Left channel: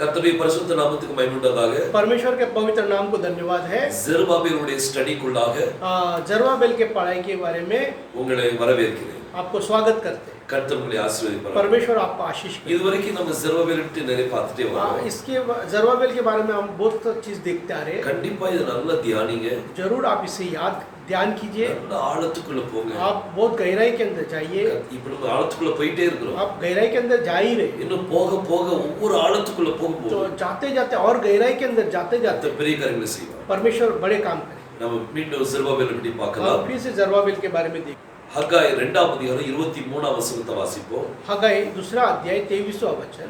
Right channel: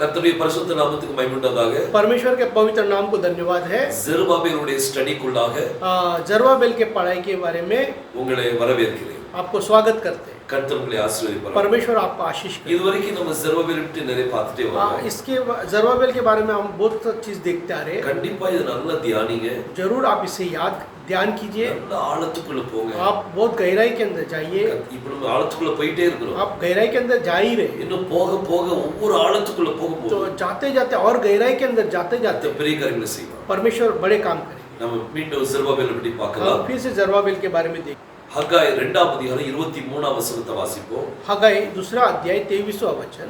கர்த்தருடைய பரிசுத்த நாமத்துக்கு மகிமை உண்டாதாக. परमेश्वर के पवित्र नाम को धन्यवाद है। ஜெருபாபேலுடைய ஸ்டடிக்குள்ளாக जरुब्बाबेल के पढ़ाई के बारे में உங்களை வரவேற்கிறேன். आपको स्वागत करते हैं। கர்த்தர் உங்களை ஆசீர்வதிப்பார். परमेश्वर आपको आशीष करे। இதுவரைக்கும் நம்ம ஜெருபாபேல் பற்றி நிறைய பார்த்துட்டே வரோம். इसके जरुब्बाबेल के बारे में हम बहुत चीज देखते आ रहे हैं। கண்டிப்பா இது நல்லா தியானிங்க. जरूर आप इसे याद ध्यान कीजिए। நல்ல ஆழத்துக்குள்ள போங்க. आप बहुत गहराई के अंदर जाइए। இப்போ நம்ம ஆழத்துக்குள்ள போயிட்டே இருக்கிறோம். आप गहराई के अंदर जा ही रहे। இன்னும் போக போக ஒவ்வொரு ஆழத்துக்குள்ள போகும்போது तो जाते जाते और गहराई के अंदर जाते जाते பெரிய காரியங்களை செய்வார். परमेश्वर बड़े काम करे। நம்ம மீண்டும் ஜெருபாபேல் பற்றி பார்க்கலாம். फिर से जरुब्बाबेल के बारे में देखें। ஹகாய் 2ஆம் அதிகாரம் 23ஆம் வசனத்தை வாசிப்போம். हगाई 2 अध्याय 23वां वचन।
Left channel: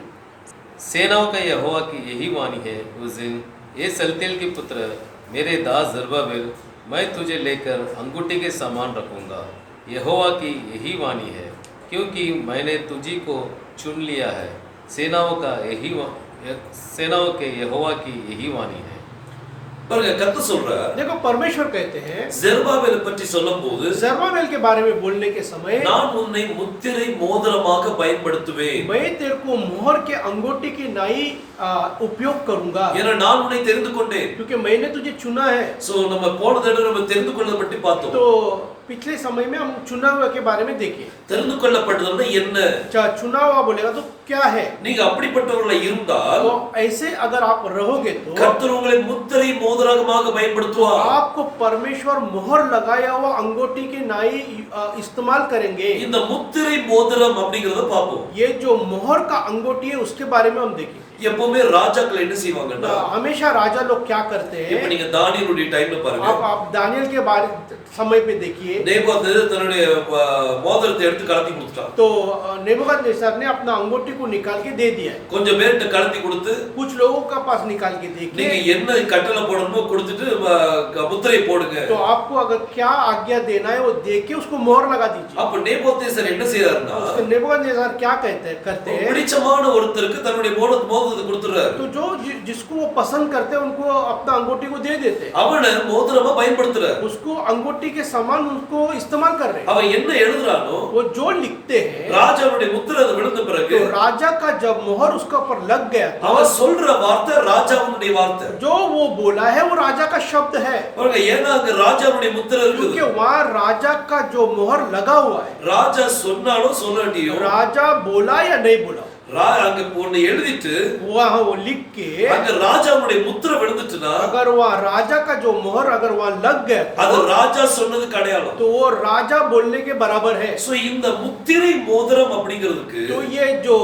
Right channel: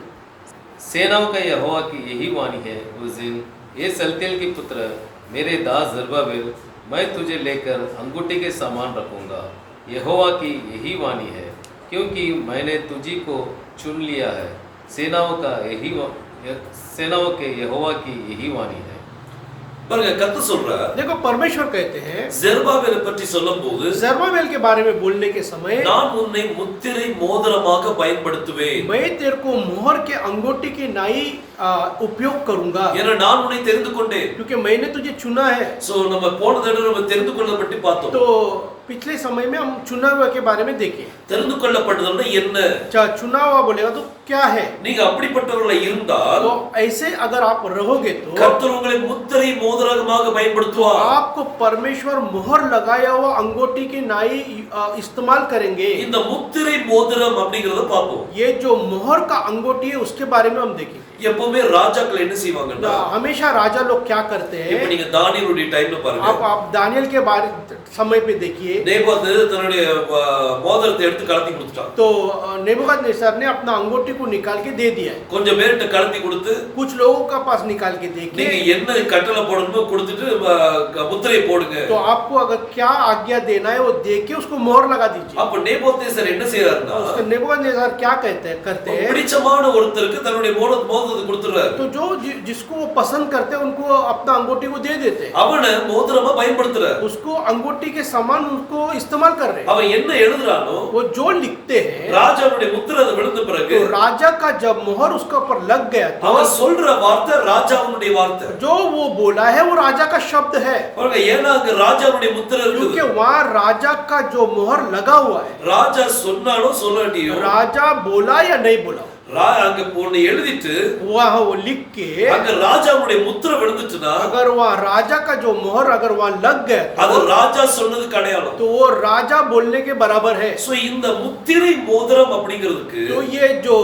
सेनाओं का यहोवा की यही वाणी है, उस दिन ये सल्तियेल के पुत्र मेरे दास जरुब्बाबेल, मैं तुझे लेकर अंगूठी के समान रखूंगा। यहोवा की यही वाणी है, क्योंकि मैंने तुझी को चुन लिया है। सेनाओं के यहोवा की यही वाणी है। பாருங்க, கர்த்தர் சொல்றார். देखो परमेश्वर कहते हैं ஜெருபாபேலை பற்றி சொல்லும்போது जरुब्बाबेल के बारे में बोलने के समय நான் உன்னை முத்திரை மோதிரமாக பயன்படுத்துவேன். मैं तेरे को मोहर के अंगूठी की नाई उपयोग करूंगा, ஏன்னா நான் உன்னை தெரிந்து கொண்டேன். क्योंकि मैंने तुझे चुना है। சோ நம்ம போன தடவை நம்ம தெரிந்து கொள்ளதை பற்றி பார்த்தோம். तो पिछले समय में हम चुना हुआ के बारे में देखे। தெரிந்து கொள்ளப்பட்டதுன்னா என்ன? चुना हुआ बोलेगा तो क्या है? நீங்க அப்படிப்பட்டவர்களா இருந்தால் तो ऐसे अगर आप रहोगे तो கர்த்தர் உங்களை முத்திரை மோதிரமாக பயன்படுத்துவார். आपको परमेश्वर मोहर लगाया हुआ अंगूठी की नाई इस्तेमाल करेंगे। இந்த முத்திரை மோதிரம் அப்படிங்கறத பாப்போம். ये जो मोहर का अंगूठी है उसके बारे में हम देखें। எப்பவுமே ராஜாக்கள் என்ன செய்வாங்கன்னா, हमेशा राजा लोग क्या करते हैं? இப்ப நீங்க தானியேலுடைய டைம்ல பாருங்க. आप दानियल के बारे समय पे देखिए। நேபுகாத்நேசர் தன்னுடைய மோதிரத்தை எடுத்து கலத்தி கொடுத்துட்டான். तो नेबूकदनेस्सर ने अपना अंगूठी को निकाल के दे दिया। கொஞ்சம் பேர்ட்ட கலத்தி கொடுத்து कुछ लोगों का पास निकाल के நீங்க देखिए। என்ன கட்டளை போடணுமோ கொடுத்துட்டு முத்திரை போடுங்க. तो आपको अगर क्या आज्ञा देना है वो दे के उसको मोहर लगा दीजिए। அப்ப நேபுகாத்நேசர் என்ன செய்யறாருன்னா, नेबूकदनेस्सर क्या कहते हैं? பிடிச்சமான ஒருத்தருக்கு தன்னுடைய மோதிரத்தை கொடுத்துறாரு. तो जो जिसको वो पसंद करते हैं उनको अपना अंगूठी को दे देते हैं। அவனை மோதிரமா பயன்படுத்துறாரு. उसको अंगूठी के समान उसको इस्तेमाल कर रहे हैं। அவன் என்ன எழுதுறானோ वो जो लिखते हैं, ராஜாவுடைய முத்திரை அது விழுந்த பிறகு तो राजा का जब मोहर उसके ऊपर लग गया तो அவன் சொல்ற வார்த்தை ராஜாவுடைய வார்த்தை. जो वो बोला है वो राजा का शब्द है, பாருங்க, ஏன்னா அங்க ராஜாவுடைய முத்திரை क्योंकि இருக்குது. वहाँ राजा का जो मोहर लगा हुआ है। ராஜா சொன்னாலும் சொல்லாட்டியும் राजा बोला या नहीं बोला, அங்க ஒன்னு எழுதிட்டு वहाँ वो लिख के அங்க ராஜாவுடைய முத்திரை விழுந்துட்டுனா अगर वहाँ राजा का जो मोहर अगर वहाँ लग गया அது ராஜா சொன்னதுக்கு அடையாளம். तो वो राजा बोलने के बराबर है। சோ இந்த முத்திரை மோதிரம் அப்படிங்கிறதுக்கு तो ये जो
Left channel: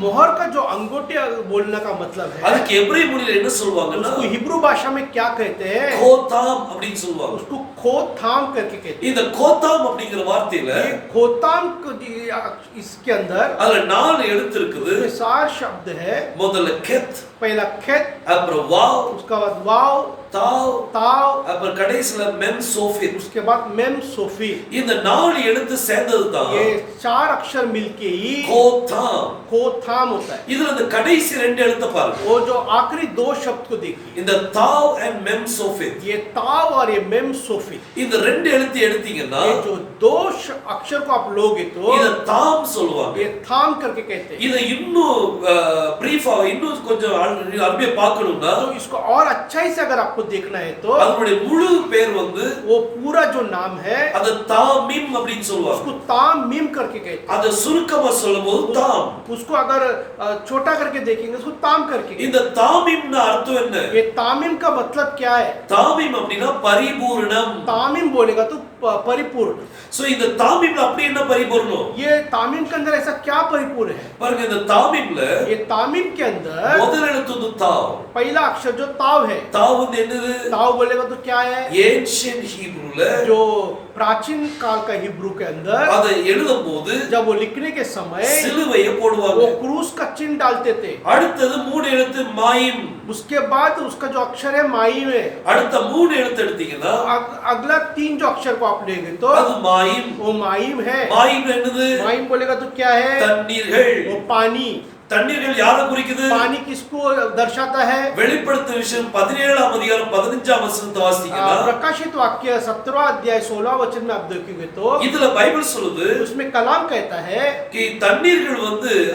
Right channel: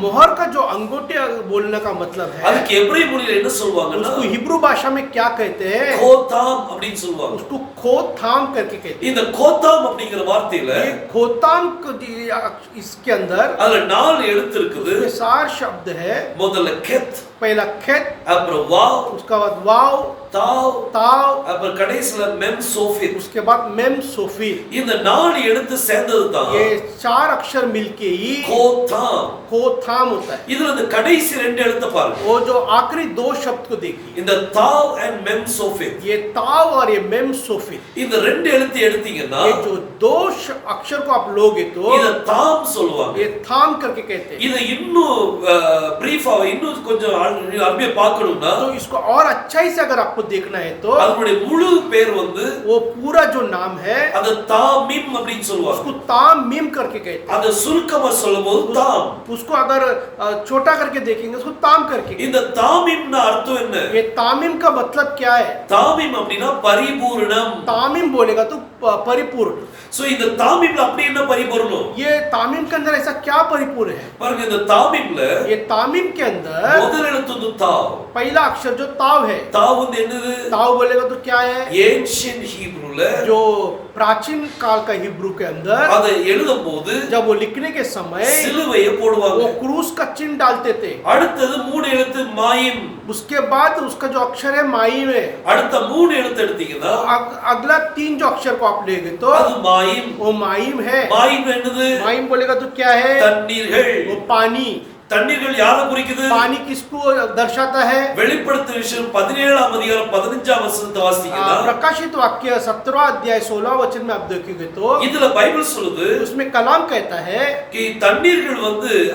मोहर का जो अंगूठी बोलने का मतलब है, அதுக்கு எபிரேய மொழியில என்ன சொல்வாங்கன்னா, उसको हिब्रू भाषा में क्या कहते हैं? கோதாம் அப்படின்னு சொல்வாங்க. उसको खोताम करके कहते हैं। இந்த கோதாம் அப்படிங்கிற வார்த்தையில ये खोताम इसके अंदर அதுல 4 எழுத்து இருக்குது. 4 शब्द है। முதல்ல கெத், पहला खेत, அப்புறம் வாவ், उसका बाद वाव, தாவ், ताव, அப்புறம் கடைசில மெம் சோஃபித். उसके बाद मेम सोफी। இந்த 4 எழுத்து சேர்ந்தது தான் ये 4 अक्षर मिलके ही கோதாம். खोताम होता है। இதுல இந்த கடைசி 2 எழுத்த பாருங்க. वो जो आखिरी 2 शब्द को देखिए, இந்த தாவ் and மெம் சோஃபித், ये ताव और ये मेम सोफी। இந்த 2 எழுத்து எடுத்தீங்கன்னா ये जो 2 अक्षर को आप लोगे तो இத தாம் சொல்லுவாங்க. ये थाम करके कहते हैं। இத இன்னும் பிரீஃபா இன்னும் கொஞ்சம் அருமையா பார்க்கணும்னா, तो इसको और अच्छाई से अगर आपको देखना है तो அதனுடைய முழு பேர் வந்து वो पूरा जो नाम है அத தாமிம் அப்படின்னு சொல்லுவாங்க. उसको ताम मीम करके कहते हैं। அத சுருக்கமா சொல்லும்போது தாம். उसको अगर छोटा करके देखेंगे उसको ताम करके। இந்த தாமிம்னா அர்த்தம் என்ன? ये तामीम का मतलब क्या है? தாமிம் அப்படினா பரிபூரணம். तामीम बोलेगा तो परिपूर्ण। சோ இந்த தாமிம்ல அப்படி என்ன பரிபூரணம்? ये तामीम के अंदर ऐसा क्या परिपूर्ण है? பாருங்க, இந்த தாமிம்ல ये तामीम के अंदर முதல் எழுத்து வந்து தாவ். पहला अक्षर जो ताव है, தாவ் வந்து என்னது? ताव बोलेगा तो क्या है? ஏன்ஷியன்ட் ஹீப்ரூல जो प्राचीन काल का हिब्रू के अंदर அத எழுதும்போது जब वो लिखने के समय சிலுவையை போடுவாங்க. वो क्रूस का चिन्ह डालते थे। அடுத்தது 3 எழுத்து மாயிம். उसके बाद उसका जो अक्षर है माई में, அடுத்த 3 எழுத்து எடுத்தீங்கன்னா अगला 3 जो अक्षर को आप लेंगे तो அது மாயிம். वो माइम है। மாயிம் என்னது? माइम बोलेगा तो क्या है? தண்ணீர்கள். वो पानी। தண்ணீர்கள் யாரை குறிக்குது? पानी किसको दर्शाता है? வெளிப்படுத்தின விஷயம் 17ஆம் அதிகாரம் 15ஆம் வசனத்தை வாசித்தீங்கன்னா प्रकाशित वाक्य 17 अध्याय 16 वचन में आप देखेंगे तो இதுல பைபிள் சொல்லுது उसमें कलाम कहता है कि தண்ணீர்கள்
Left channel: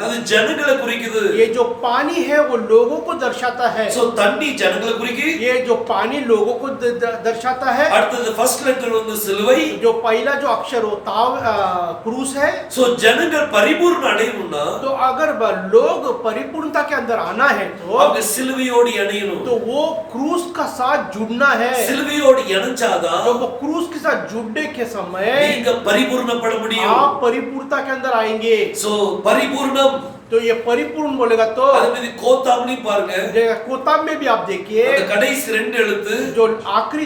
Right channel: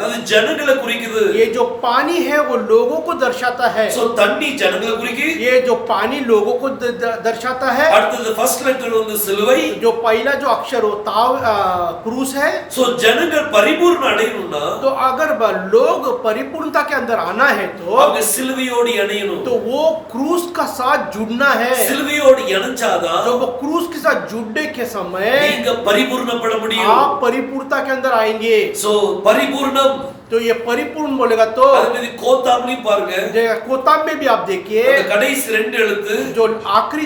அது ஜனங்களை குறிக்குது. ये जो पानी है वो लोगों को दर्शाता है। சோ தண்ணி ஜனங்களை குறிக்கி. ये जो पानी लोगों को दर्शाता है। அடுத்தது ஃபர்ஸ்ட் லெட்டர் சிலுவை. जो पहला जो अक्षर वो ताव क्रूस है। சோ ஜனங்கள் பரிபூர்ண அடையணும்னா तो अगर लोग परिपूर्णता के अंदर आना है तो அவங்க சிலுவையோடு இணையணும். तो वो क्रूस का साथ जुड़ना है। சிலுவையோடு இணைஞ்சாதான் जब वो क्रूस के साथ जुड़ने के समय நீங்க பரிபூர்ணப்பட முடியும். आप परिपूर्णता के अंदर आएंगे। सो परिपूर्णम तो ये परिपूर्ण बोलेगा तो அதுமே கோத்தாம்லி பாருங்க. कोताम में भी आप देखिए அந்த கடைசி ரெண்டு எழுத்து जो आखिरी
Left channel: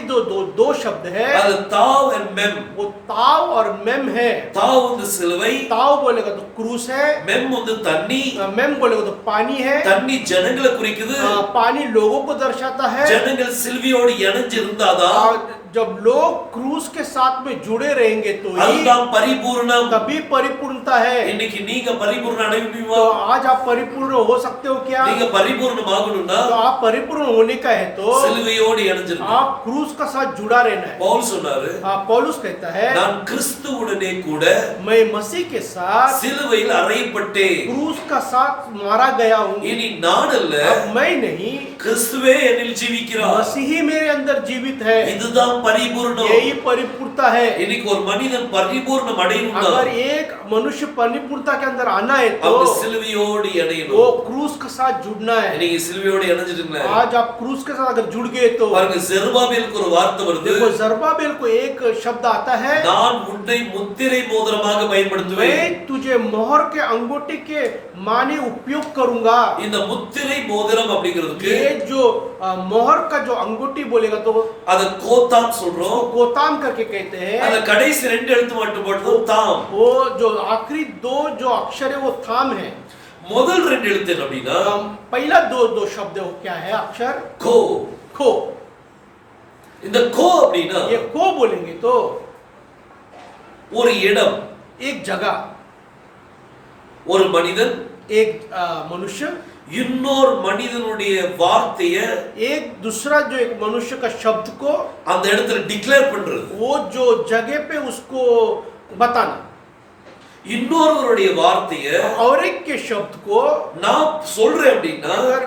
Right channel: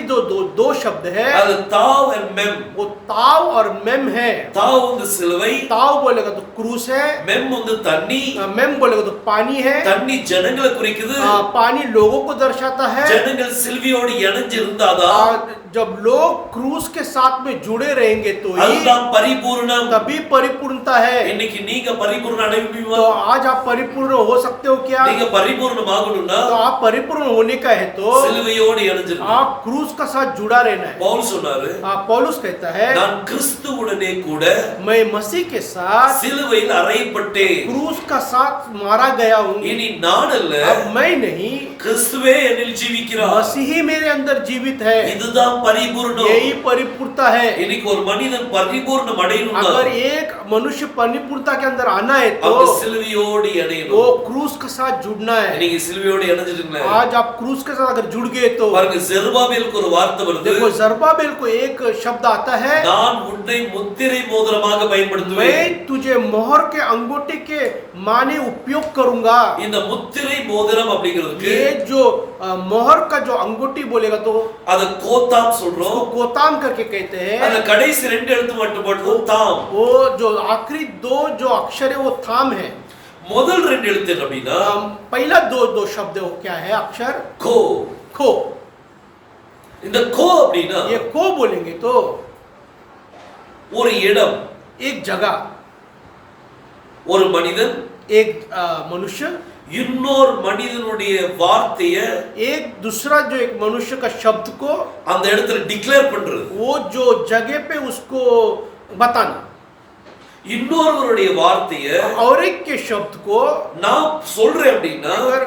दो शब्द है அது தாவ் and mem. वो ताव और मेम है। தாவ் சிலுவை, ताव बोलेगा तो क्रूस है, मेम தண்ணி, मेम बोलेगा तो पानी है। தண்ணி ஜனங்களை குறிக்குது, पानी लोगों को दर्शाता है। ஜனங்கள் சிலுவையோடு இணைஞ்சிருந்தாதான் जब लोग क्रूस के साथ में जुड़े रहेंगे तो அதுதான் பரிபூர்ணம். तभी परिपूर्णता है। இன்னைக்கு நீங்க பரிபூர்ண அடைய முடியுமா? तो आज आप परिपूर्ण हो सकते हो क्या? நீங்க பரிபூர்ணமாகணும்னா तो आप परिपूर्ण होने का है तो சிலுவையோடு இணைஞ்சிருங்க. आप क्रूस का साथ जुड़ा रहना है। பவுல் சொன்னாரு, पौलुस कहता है நான் கிறிஸ்துவுடனே கூட मैं मसीह के साथ சிலுவையில் அறையப்பட்டேன். क्रूस का साथ मारा गया हूँ। இனி நான் அல்ல, अब मैं नहीं, கிறிஸ்துவே என்னில் ஜீவிக்கிறார். मसीह मेरे अंदर जीवित है। இதுதான் பரிபூர்ணம். यही परिपूर्णता है। இன்னைக்கு ஒரு மனிதன் பரிபூர்ணம் அடையணும்னா अगर एक मनुष्य परिपूर्णता के अंदर आना है तो அவன் சிலுவையோடு वो இணையணும். क्रूस के साथ जुड़ना है। நீங்க சிலுவையோடு இணைஞ்சிட்டீங்களா? आज आप क्रूस के साथ अगर जुड़ गए तो பாருங்க, ஜெருபாபேலுக்கு ஒரு வார்த்தை வருது. देखो जरुब्बाबेल को एक शब्द आता है, நான் உன்னை முத்திரை மோதிரமாக பயன்படுத்துவேன். मैं तुझे मोहर के अंगूठे के माने उपयोग करूंगा। இந்த முத்திரை மோதிரம் அப்படிங்கிறதுக்கு ये जो मोहर का जो अंगूठी बोलेगा तो அத கோத்தாம் சொல்றோம். कोताम करके कहते हैं। அந்த கடைசி ரெண்டு எழுத்து மட்டும் போடுறது தாம். वो जो आखिरी दो जो अक्षर है वो थाम है। முதல் ரெண்டு எழுத்து என்ன அப்படின்னா पहला दो शब्द वो क्या है? अक्षर கோ. खो। இந்த கோ அப்படின்னா ये खो बोलेंगे तो ஒரு இடம், एक जगह, ஒரு மனிதன், एक मनुष्य, இன்னொரு மனிதனுடைய வார்த்தைய एक दूसरा जो एक मनुष्य का शब्द को அந்த இடத்துல டிக்ளேர் பண்றது. वो जो जगह पे उसको बताना। இன்னொருவருடைய வார்த்தைய और एक के शब्द को நான் சொல்றேன் அப்படின்னா अगर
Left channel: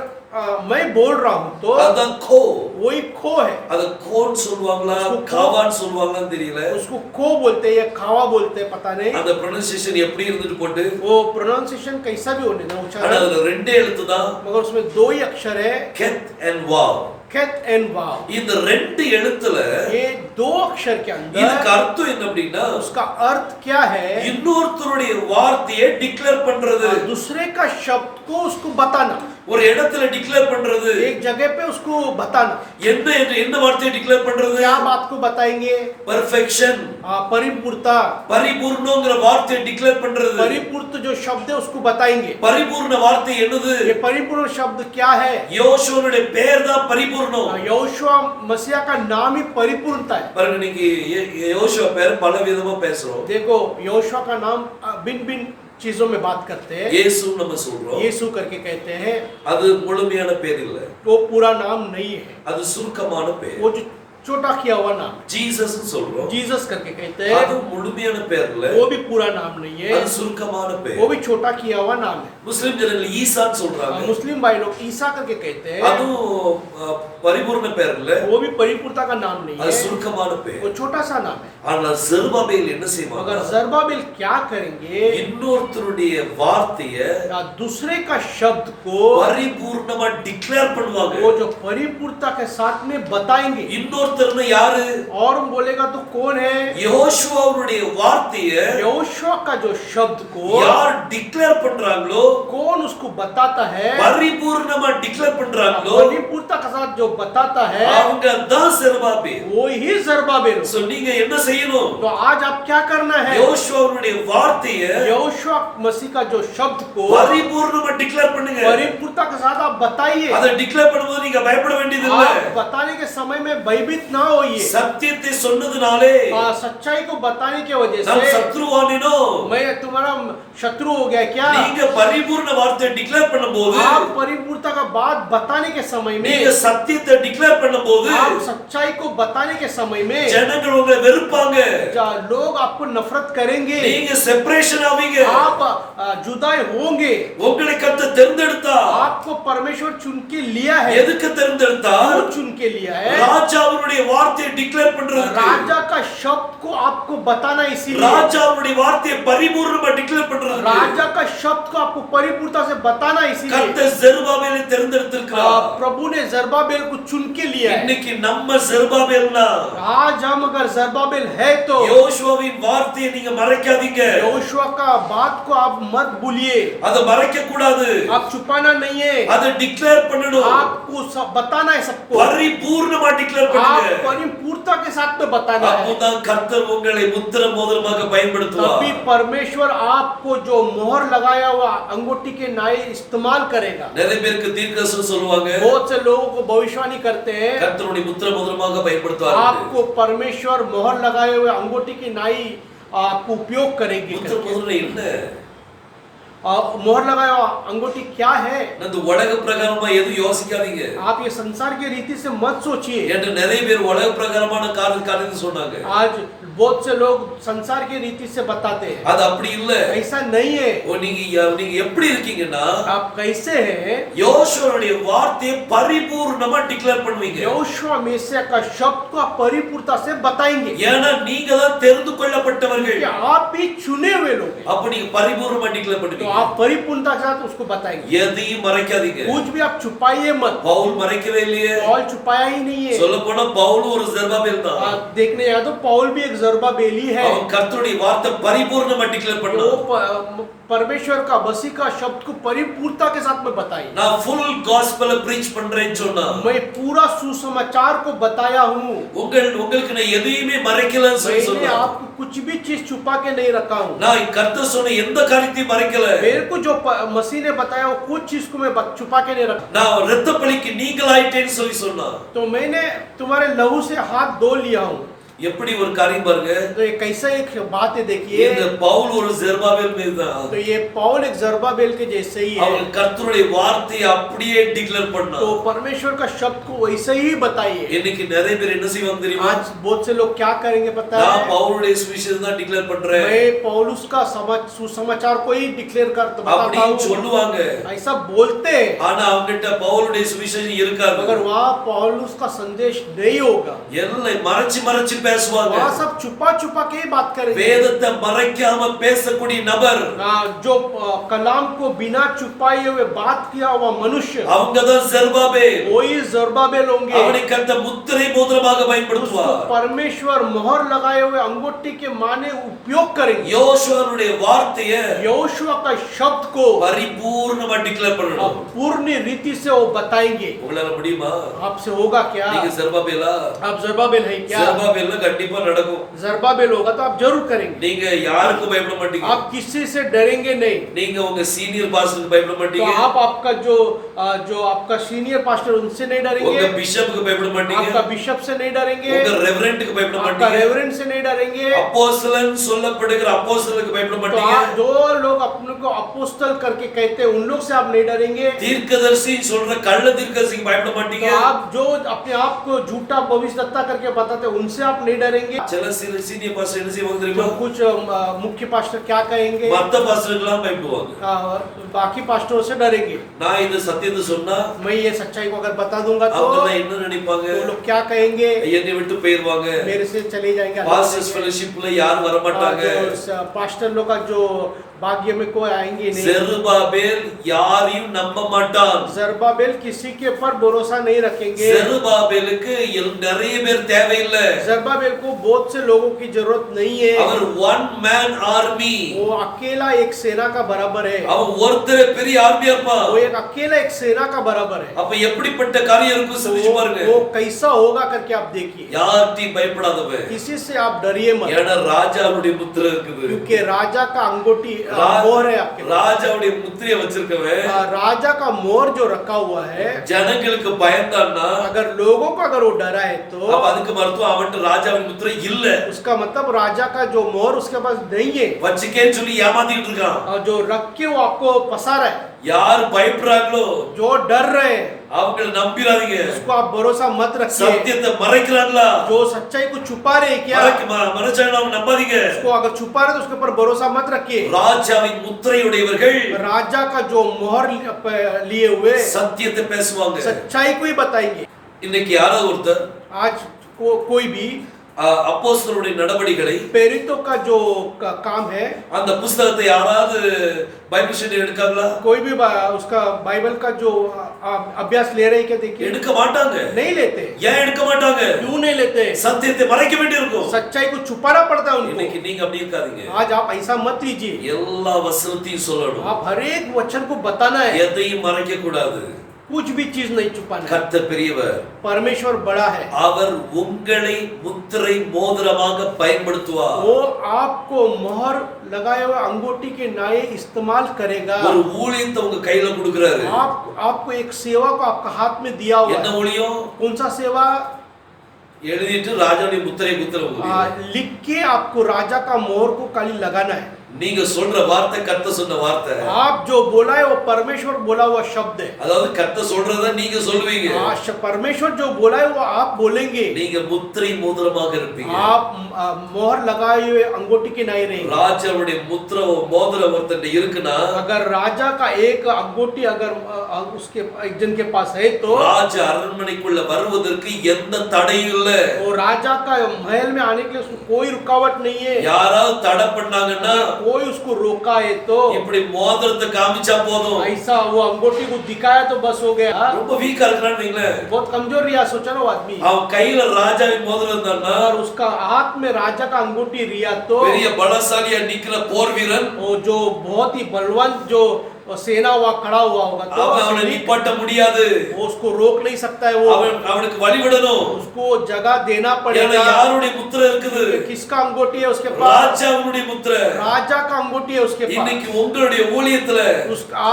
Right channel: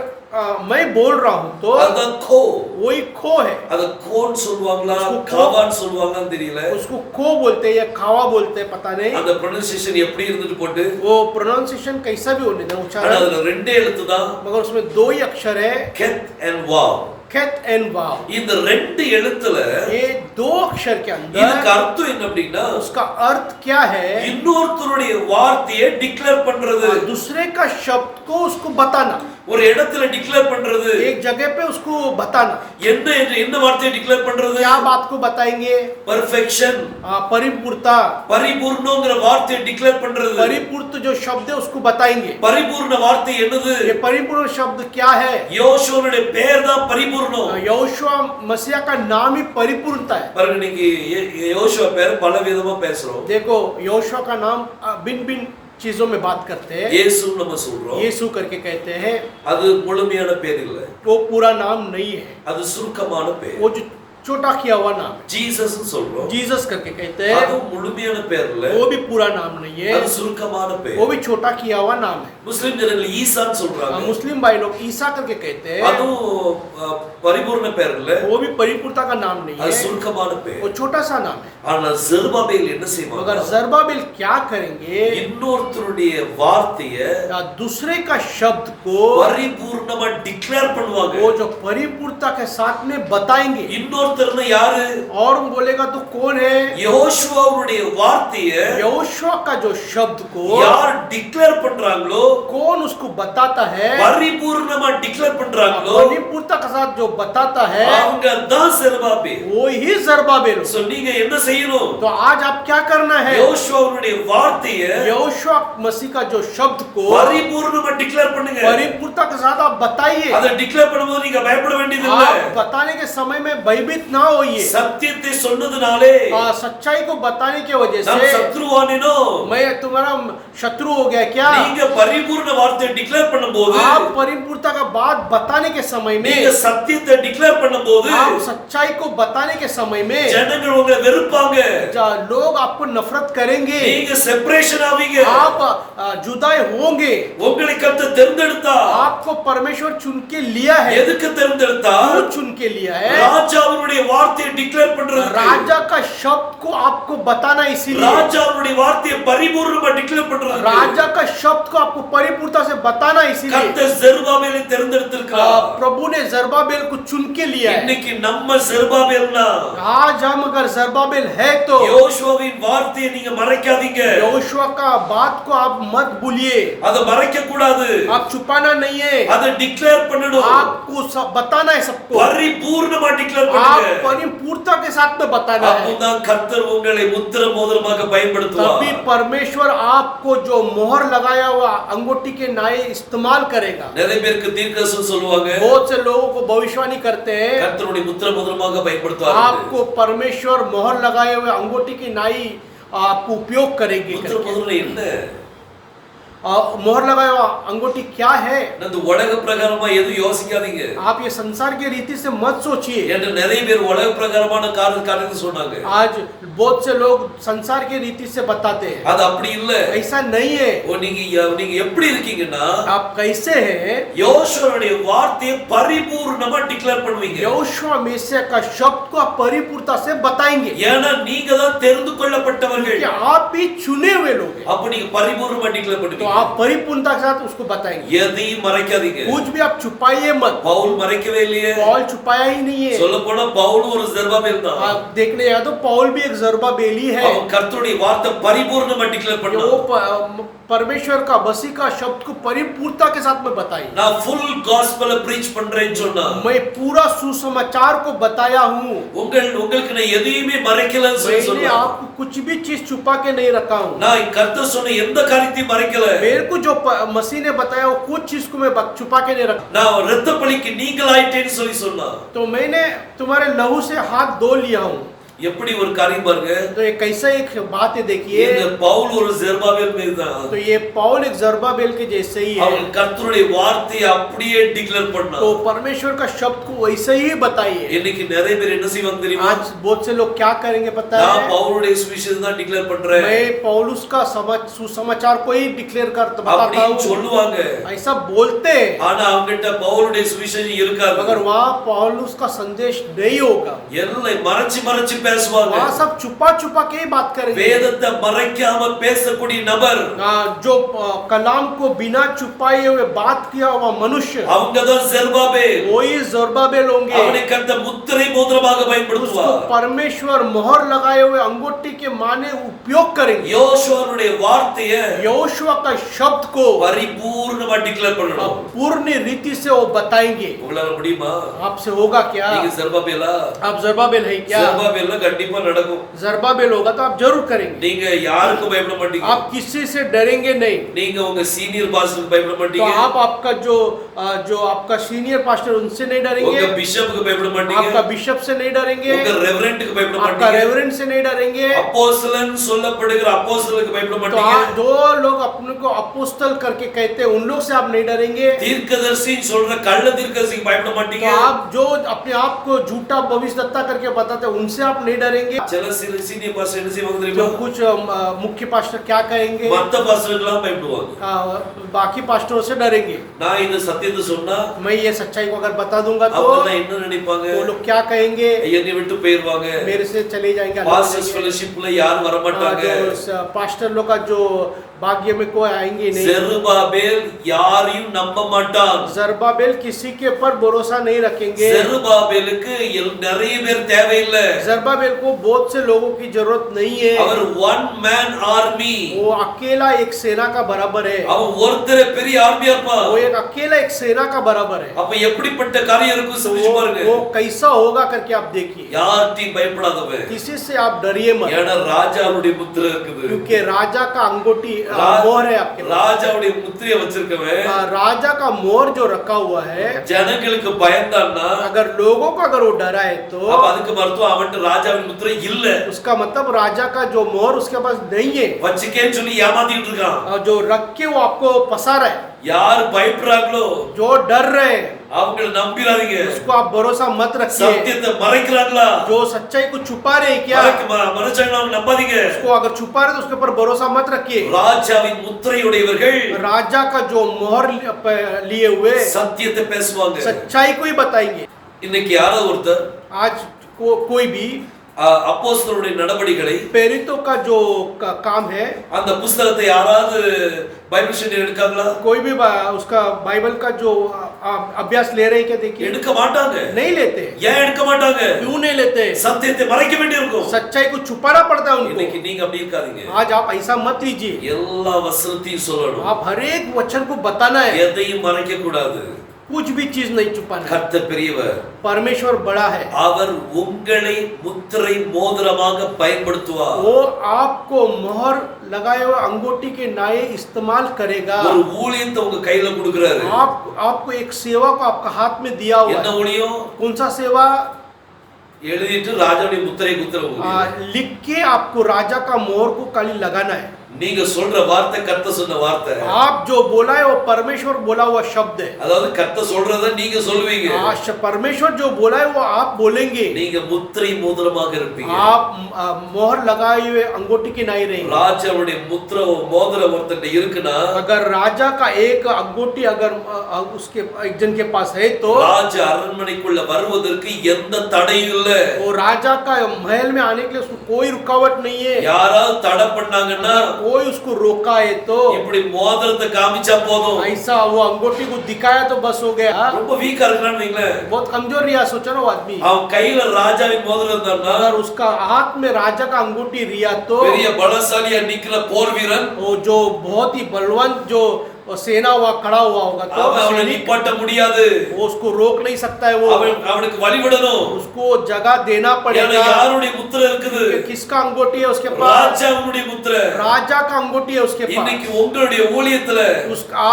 मैं बोल रहा हूं तो அதுதான் கோ. वही खो है। அத கோன்னு சொல்லுவாங்களா उसको காவான்னு சொல்லுவாங்களான்னு தெரியல. उसको खो बोलते हैं या खावा बोलते हैं, पता नहीं। அந்த ப்ரொனன்சியேஷன் எப்படி இருந்துட்டு போட்டு, वो प्रोनाउंसिएशन कैसा भी होने दो ஆனா उच्चारण, அதுல ரெண்டே எழுத்து தான், मगर उसमें दो ही अक्षर है, கெத் அண்ட் வாவ். केत एंड वाव। இந்த ரெண்டு எழுத்துல ये दो अक्षर के இதுக்கு अंदर அர்த்தம் என்ன அப்படின்னா उसका अर्थ क्या है? இன்னொருத்தருடைய வார்த்தையை டிக்ளேர் பண்றது. दूसरे का शब्द को उसको बताना, ஒரு இடத்துல டிக்ளேர் பண்றது. एक जगह पे उसको बताना। என்ன வார்த்தையை டிக்ளேர் பண்றது? क्या बात को बताएंगे? பெர்ஃபெக்ஷன், परिपूर्णता, பரிபூர்ணங்கிற வார்த்தையை டிக்ளேர் பண்றது. परिपूर्ण जो शब्द है उसको बताएंगे। பரிபூர்ண வார்த்தை என்னது? ये परिपूर्ण शब्द क्या है? யோசுவனுடைய பெயர் தான் பரிபூர்ணம். यहोशुआ मसीह का नाम ही परिपूर्णता है। பாருங்க, இன்னைக்கு யோசுவா பேர் பல விதமா பேசுறோம். देखो यहोशुआ का नाम भिन्न भिन्न चीजों में बात करते हैं। இயேசு நம்ம சொல்றோம். यीशु करके कहते हैं, அது முழுமையான பேர் இல்ல, वो पूरा नाम नहीं है, அது சுருக்கமான பேர். वो जो छोटा किया हुआ नाम ஜீசஸ் சொல்றோம். जीसस करके कहते அது हैं, முழுமையான பேர் இல்ல, वो भी पूरा नाम नहीं है, அது சுருக்கமான பேர். वो भी छोटा किया हुआ नाम है। முஸ்லிம் ஜனங்கள் ஈசான்னு சொல்றாங்க. मुस्लिम भाई लोग ईसा करके कहते हैं, அதுவும் பரிபூர்ண பேர் இல்ல, वो भी परिपूर्णता का नाम नहीं அது है, சுருக்கமான பேர். वो छोटा सा नाम है। ஆனா ஜெருபாபேல் என்ன செய்வாங்க? मगर जरुब्बाबेल क्या करेंगे? இன்னொருத்தருடைய வார்த்தைய दूसरे का शब्द को பரிபூர்ணமா டிக்ளேர் பண்ணுவாங்க. वो जो परिपूर्णता के साथ में बताएंगे। இன்னொருத்தர்னா யாரு? और बोलेगा तो कौन है? யோசுவாவுடைய வார்த்தைய यहोशुआ का जो शब्द को யார் டிக்ளேர் பண்றாங்களோ, कौन उसको बताता है? பரிபூர்ணமா டிக்ளேர் பண்றாங்களோ, परिपूर्णता के साथ जो बताता है அவங்க தான் ஜெருபாபேல். वो ही जरुब्बाबेल। சோ நீங்க என்ன செய்யணும்? तो आज आप क्या करना है? யோசுவாவுடைய வார்த்தைய यहोशुआ मसीह का जो शब्द को பரிபூர்ணமா டிக்ளேர் பண்ணுங்க. परिपूर्णता के साथ आप बताइए। அதை டிக்ளேர் பண்ணும்போது நீங்க பயப்பட வேண்டியது இல்ல. आप बताने के समय में भयभीत भयभीत ना होइए। சத்தியத்தை சொன்னதுனாலே सच्चाई को बताने की वजह நாம் से சத்ருவானினோ मैं तुम्हारा शत्रु हो गया क्या? நீங்க பரிபூர்ண வார்த்தையை டிக்ளேர் பண்ணும்போது आप परिपूर्णता का बात बताने के समय நீங்க में, சத்தியத்தை டிக்ளேர் பண்ணும்போது आप सच्चाई को बताने के समय में ஜனங்கள் உங்களை வெறுப்பாங்க, लोग आपको नफरत करेंगे, நீங்க செப்பரேஷன் ஆவீங்க. आप जुदाई होंगे। உங்களை கர்த்தர் தேர்ந்தெடுத்தா आपको परमेश्वर चुन के लिया है। எதுக்கு தேர்ந்தெடுத்தா? क्यों चुन के लिया है? ராஜாவுடைய வார்த்தையை டிக்ளேர் பண்றதுக்கு, राजा का शब्द को आपको बताना, इसीलिए ராஜாவுடைய வார்த்தையை பரிபூர்ணமா டிக்ளேர் பண்றதுக்கு राजा का शब्द को आपको परिपूर्णता से बताना, इसीलिए கர்த்தர் ஜெருபாபேலை தேர்ந்தெடுத்திருக்கிறார். प्रभु ने जरुब्बाबेल को चुन के लिया है। இன்னைக்கு நம்ம ஜெருபாபேல்னா आज हम अगर जरुब्बाबेल है तो யோசுவாவின் வார்த்தையை நீங்க மறைக்காதீங்க. यहोशुआ का बात को आप मत भूलिए, அதை மறைக்க கூடாது, आप छुपाना नहीं है, அதை டிக்ளேர் பண்ணணும். आपको सब बताना है सबको, பரிபூர்ணமா டிக்ளேர் आप பண்ணுங்க. परिपूर्णता के साथ में बताना है। அப்போதான் கர்த்தர் உங்களை முத்திர மோதிரமாக பயன்படுத்துவார். तभी परमेश्वर आपको जो मोहर लगाया हुआ अंगूठी के नाई इस्तेमाल करेगा। நிறைய பேருக்கு தீர்க்கதரிசனம் சொல்லுவாங்க, बहुत से लोगों को भविष्यवाणी करते हैं, கர்த்தருடைய முத்திர மோதிரமாக பயன்படுத்துவார். आपको परमेश्वर मोहर लगाए हुए अंगूठी की नाई आपको उपयोग करेगी। முத்திர மோதிரம் என்ன? मोहर लगाया हुआ अंगूठी क्या है? அந்த உலக பிரகாரமா எதுவும் யோசிக்காதீங்க. आप ये संसार की रीति से मत सोचिए। என்று நிறைய பேர் உலக பிரகாரமான காரியத்தை சொன்னாங்க. आज बहुत से लोग संसार की रीति से बताते हैं, அது அப்படி இல்ல. ऐसा नहीं है। நீங்க எப்படி இருக்கீங்கன்னா, आप कैसे हैं? யோசுவாவுடைய வார்த்தையை பரிபூர்ணமா டிக்ளேர் பண்ணுவீங்க. यहोशुआ मेसिया का शब्द को आप परिपूर्णता से बताएंगे, ஏன்னா நீங்க தான் தெரிந்து கொள்ளப்பட்டவர்கள். कि आप ही चुने हुए लोग हैं। அப்ப நீங்க பரிபூர்ணமா டிக்ளேர் तो பண்ணுவீங்க. आप परिपूर्णता के साथ उसको बताएंगे, எதையும் மறைக்காதீங்க. कुछ भी आप छुपाइए मत। பவுல் மறைக்கவே இல்லையே. पौल छुपाया ही नहीं है। சொல்ல போனா பவுல் ஒரு ஜெருபாபேல் தான். आप देखने जाए तो पौल भी एक जरुब्बाबेल ही है। அவன் கர்த்தருடைய வார்த்தை பரிபூர்ணமா டிக்ளேர் वो பண்ணான். परमेश्वर का मसीह का शब्द को परिपूर्णता के साथ में बताइए। நான் ஃபுல் காஸ்பலை ப்ரீச் பண்றேன்னு சொன்னா, मैं पूरा सुसमाचार को बताया हूँ, உங்களுக்கு நான் எதையுமே மறைக்கலன்னு சொல்லி मैंने சொன்னா, आपको कुछ भी चीज छुपा के नहीं रखा हूँ। நான் கர்த்தர் சொன்ன எந்த காரியத்தையும் மறைக்கல. मेरे को जो मसीह ने बताया वो कुछ चीज को मैं छुपा के नहीं रखा। நான் இரத்த பலிக்கு நீங்களாயிட்டேன்னு சொல்லி சொன்னா, तो मैंने तुम्हारे लहू से हाथ धो लिया हूँ। எப்படி ஒரு காரியம் பாருங்க. तो ये कैसा एक बात है देखिए। இந்த பவுல் ஒரு ஜெருபாபேல் மாதிரி தான். तो ये पौल एक जरुब्बाबेल के जैसे ही है। அவன் கர்த்தருடைய வார்த்தையை அப்படியே டிக்ளேர் பண்ணான். तो परमेश्वर का शब्द को वैसे ही बताइए। இன்னைக்கு நிறைய பேர் என்ன செய்வாங்க தெரியுமா? आज बहुत से लोग क्या करेंगे पता நான் है? பவுலுடைய சுவிசேஷம் தான் டிக்ளேர் பண்றேன் मैं पौलुस का सुसमाचार को ही डिक्लेयर कर बताता அப்படின்னு हूँ, சொல்லுவாங்க. ऐसा बोलते हैं। ஆனா அவங்ககிட்ட பவுலுடைய சுவிசேஷம் இருக்காது. मगर वहाँ पौलुस का संदेश नहीं होगा, எல்லாம் மறைச்சு பேசுவாங்க. वहाँ सब छुपा छुपा के ही बात करेंगे। வேதத்தை மறைக்காம பேசக்கூடிய நபர், जो कलाम को बिना छुपाए हुए बात किया हुआ मनुष्य, அவங்கதான் ஜெருபாபேல். वही जरुब्बाबेल होंगे। அவனை கர்த்தர் முத்திரை மோதிரமாக பயன்படுத்துவார். उसको परमेश्वर मोहर लगाए हुए अंगूठी के माने उपयोग करेंगे। யோசுவாவுடைய வார்த்தையை यहोशुआ का शब्द को பரிபூர்ணமா டிக்ளேர் பண்ணணும். पूर्ण रीति से वो बताएंगे। உங்களால முடியுமா? आपसे होगा क्या? நீங்க ஜெருபாபேலா? आप जरुब्बाबेल है क्या? ஜெருபாபேல்ல கண்டிப்பா நடக்கும். जरुब्बाबेल होगा तो आप जरूर करेंगे। நீங்க யாருக்கும் பயப்பட மாட்டீங்க. आप किसी से डरेंगे नहीं। நீங்க உங்க சீனியர் பாஸ்டருக்கு பயப்பட तो மாட்டீங்க. आप आपका जो आपका सीनियर पास्टर उनसे नहीं உங்க डरेंगे, பிஷப்புக்கு பயப்பட மாட்டீங்க. आपका बिशप से नहीं डरेंगे, உங்க ரெவரண்ட்க்கு பயப்பட आपका மாட்டீங்க. रेवरेंड से नहीं डरेंगे। அப்போஸ்தலன் சொல்லப்படுகிற அப்போஸ்தலருக்கு பயப்பட तो மாட்டீங்க. आप जो लोग अपने को अपोस्तल करके कहते हैं उन लोग से आप नहीं डरेंगे। தீர்க்கதரிசி சொல்ற கள்ள தீர்க்கதரிசிக்கு பயப்பட तो மாட்டீங்க. आप जो अपने आप को झूठा भविष्यवक्ता करके बताते हैं उनसे आप नहीं डरेंगे। சில சீனியர் பாஸ்டர் என்ன செய்வாங்க तो தெரியுமா? कुछ मुख्य पास्टर क्या कहेंगे? மத்த பாஸ்டருக்கெல்லாம் பயப்படுவாங்க. बाकी पास्टरों से डरेंगे। நான் இந்த சத்தியத்தை சொன்னா मैं ये सच्चाई को अगर बता दूंगा तो அவங்க என்ன நினைப்பாங்க? वो लोग क्या कहेंगे? என்னை விட்டு போயிருவாங்க. मेरे से चले जाएंगे। பாஸ்டர்ஸ் ஃபெலோஷிப்ல யாரும் வர மாட்டாங்க. पास्टर लोग का जो भाग्य में कोई आएंगे नहीं। ஜெருபாபேல் யாரையும் நம்ப மாட்டான். जरुब्बाबेल किसी के ऊपर भरोसा नहीं रखेंगे। ஜெருபாபேலுக்கு நிறைய பேர் தேவையில்லை. जरुब्बाबेल जरुब्बाबेल को बहुत से लोगों की जरूरत नहीं है। அவர் ஒன் மேன் ஆர்மி. वो अकेला एक सेना का बराबर है। அவன் ஒருத்தரே பெரிய ஆர்மியா இருப்பான். वो एक अकेला एक सेना का बराबर है। அப்ப எப்படிப்பட்ட காரியம் இருக்கும் சிந்திச்சு பாருங்க. वो कैसा होगा करके आप देखिए। யார்கிட்டயும் பயப்படாதவன். किसी से आप डरिए मत। ஏன்னா ராஜாவுடைய முத்திரை இருக்குது. क्योंकि राजा का अंगूठी मोहर है आपके। ராஜாவுடைய முத்திரையை வச்சிருக்கவன் राजा का मोहर जो रखा हुआ है, ஜனங்களுக்கு பயந்தான்னா अगर लोगों को अगर वो डरा है तो அப்ப அதுக்கு மருத்துவம் அவன்கிட்ட ராஜாவின் முத்திரை இல்ல. उसका मतलब राजा का जो मोहर उसके पास नहीं है। வச்சுக்கேன்னு சொல்லி ஏமாத்திட்டு இருக்கான். और जो रख के वो आपको फंसा रहा है। யார் பயப்படுறாங்களோ जो डर रहे हैं அவங்களை நம்பிராதீங்க. उसको आप भरोसा मत रखिए। சத்தியத்தை மறைக்கிறாங்களா, जो सच्चाई को छुपा रहे क्या, மறைச்சாங்களா அவங்க நம்பாதீங்க. उसको अगर छुपा रहे तो उसके ऊपर भरोसा मत रखिए। ராஜாவின் முத்திரையுடையவர்கள் राजा का जो मोहर लिए हुए சத்தியத்தை பேசுவாங்க. सच्चाई को ही बताएंगे। இன்னைக்கு யாராவது ஒருத்தர் आज कोई भी அப்போஸ்தலருடைய நடவடிக்கைகளை प्रेरितों का जो काम है, அந்த புத்தகத்தை யாராவது பைபிள் ஸ்டடி எடுக்காங்களா? कोई भी उसका बाइबल का जो अभ्यास ले रहे हैं क्या, देखिए எடுக்க மாட்டாங்க. नहीं लेते। ஏன் எடுக்க மாட்டாங்க? क्यों नहीं लेते? சத்தியத்தை மறைக்க வேண்டியிருக்கும். सच्चाई को छुपाना पड़ता है இன்னைக்கு उनको। நீங்க அப்படி இருக்காதீங்க. आज आप ऐसा मत लीजिए। எல்லா வசனத்தையும் சொல்லணும். आप हर एक वचन को बताना है, எதையும் மறைக்க கூடாது. कुछ भी चीज नहीं छुपाना। கர்த்தர் பெரியவர். परमेश्वर बड़ा है। அவர் உங்களை முத்திரை மோதிரமாக பயன்படுத்துவார். वो आपको मोहर लगाए हुए अंगूठी के नाये इस्तेमाल करेगा। ஒரு ஊழியத்தை உங்க கையில கொடுக்கிறாரு. आपको एक सेवा को आपका हाथ में दिया हुआ என்ன है। ஊழியம்? कौन सा सेवा? எழுதிட்டு ராஜாவுடைய முத்திரை குத்துற ஊழியம். लिख के आपको राजा का मोहर को खाली लगाना है। நீங்க சொல்ற வார்த்தை கர்த்தர் சொன்ன வார்த்தை. आप जो बोला है वो परमेश्वर बोला हुआ शब्द है। அதாவது கர்த்தர் சொல்றத நீங்க சொல்லுவீங்க. परमेश्वर जो बोला है वो आप बोलेंगे। நீங்க முத்திரை மோதிரமாக இருப்பீங்க. आप मोहर लगाए हुए अंगूठी की नहीं रहेंगे। ராஜாவுடைய முத்திரை மோதிரம் ஒருத்தன் இருக்குன்னா, अगर राजा का एक अंगूठी अगर उसके एक जन के पास है तो ராஜ அரண்மனைக்குள்ள வருவதற்கு எந்த தடையும் இல்ல. वो राजा का महल में आने के लिए उसको कोई रुकावट नहीं है। யாராவது தடை பண்ணாங்கன்னா कोई उसको रोका है तो இப்படி மோதிரத்தை காமிச்சா போதும். ऐसा वो अंगूठी को दिखाया तो बस हो गया। ரொம்ப வீக்கா இருக்கான்னு வைங்களேன். बहुत कमजोर रिया, सोचा ना वो आदमी। அவன் கையில ராஜாவின் மோதிரம் இருந்தான்னா, अगर उसका हाथ में राजा का अंगूठी रिया तो பெரிய பலசாலியா நிக்கிற போர் வீரன் वो जो बहुत ही बलवंत जो सेना हुआ खड़ा हुआ होगा तो அவனை நிப்பாட்ட முடியாது. वो उसको रोक नहीं सकता है। वो அவனுக்கு வழிவிடணும். उसको जगह देना ஏன்னா पड़ेगा। யாருடைய முத்திரை இருக்குது? किसका अंगूठी है उसके पास? ராஜாவுடைய முத்திரை. राजा का अंगूठी है उसके पास। இன்னைக்கு உங்களுடைய ஊழியத்துல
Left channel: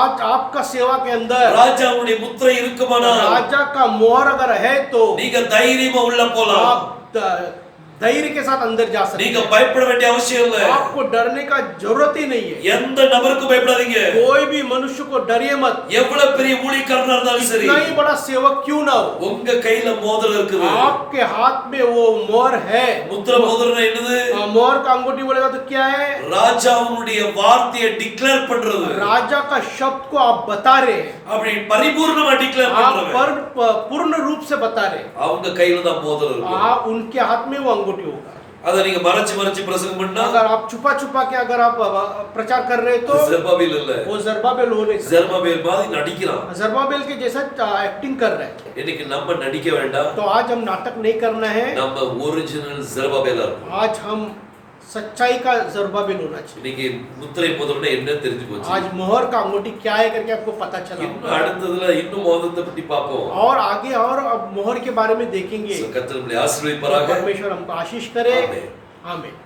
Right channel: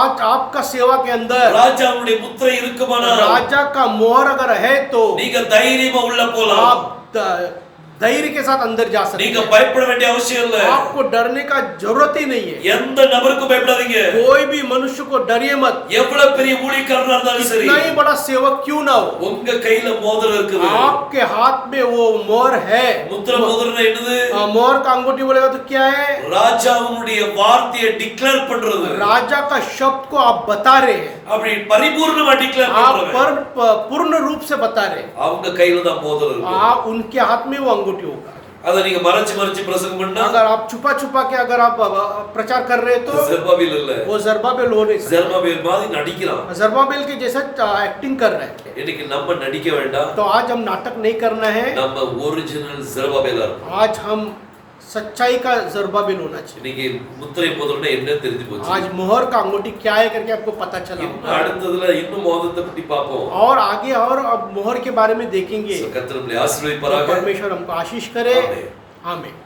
आज आपका सेवा के अंदर ராஜாவுடைய முத்திரை இருக்குமானா, राजा का मोहर अगर है तो நீங்க தைரியமா உள்ள போலாம். आप धैर्य के साथ अंदर जा सकते நீங்க हैं। பயப்பட வேண்டிய அவசியம் இல்ல. आपको डरने का जरूरत ही नहीं है। எந்த நபருக்கும் பயப்படாதீங்க. कोई भी मनुष्य को डरिए मत। எவ்வளவு பெரிய ஊழியக்காரனா இருந்தாலும் சரி, कितना ही बड़ा सेवक क्यों ना हो, உங்க கையில மோதிரம் இருக்குது. आपके हाथ में वो मोहर है। முத்திரை மோதிரம் என்னது? मोहर का अंगूठी बोलेगा तो क्या है? ராஜாவுடைய வார்த்தையை டிக்ளேர் பண்றது. राजा का शब्द को आप बता रहे हैं। அப்படி பரிபூர்ணமா டிக்ளேர் आप பண்றவன் पूर्ण रूप से बता रहे हैं। அவங்க கையில தான் மோதிரம் இருக்கு. आप उनके हाथ में वो अंगूठी होगा। அத நீங்க மறைச்சு பிரசங்கம் பண்ணா, अगर आप छुपा छुपा के अगर आप प्रचार कर रहे तो ஜெருபாபேல் இல்ல, वो जरुब्बाबेल हो नहीं सकता। ஜெருபாபேல் மாதிரி நடிக்கிறான். जरुब्बाबेल के जैसे एक्टिंग कर रहे हैं। இன்னைக்கு நம்ம நடிக்க வேண்டாம். तो आज हम नाटक नहीं करना है। நம்ம ஒரிஜினல் ஜெருபாபேலா இருக்கணும். आज हम सच्चाई का जरुब्बाबेल होना चाहिए। இன்னைக்கு முத்திரை மோதிரம்னா என்ன தெரிஞ்சு போச்சு. आज मोहर का अंगूठी क्या है करके आपको पता चला। இன்னும் அடுத்ததுல இன்னும் மோதிரத்தை பத்தி பாப்போம். और आगे और अब मोहर के बारे में देखेंगे। கர்த்தர் நம்மை ஆசீர்வதிப்பாராக. परमेश्वर हमको आशीष करे। आमीन। आमीन।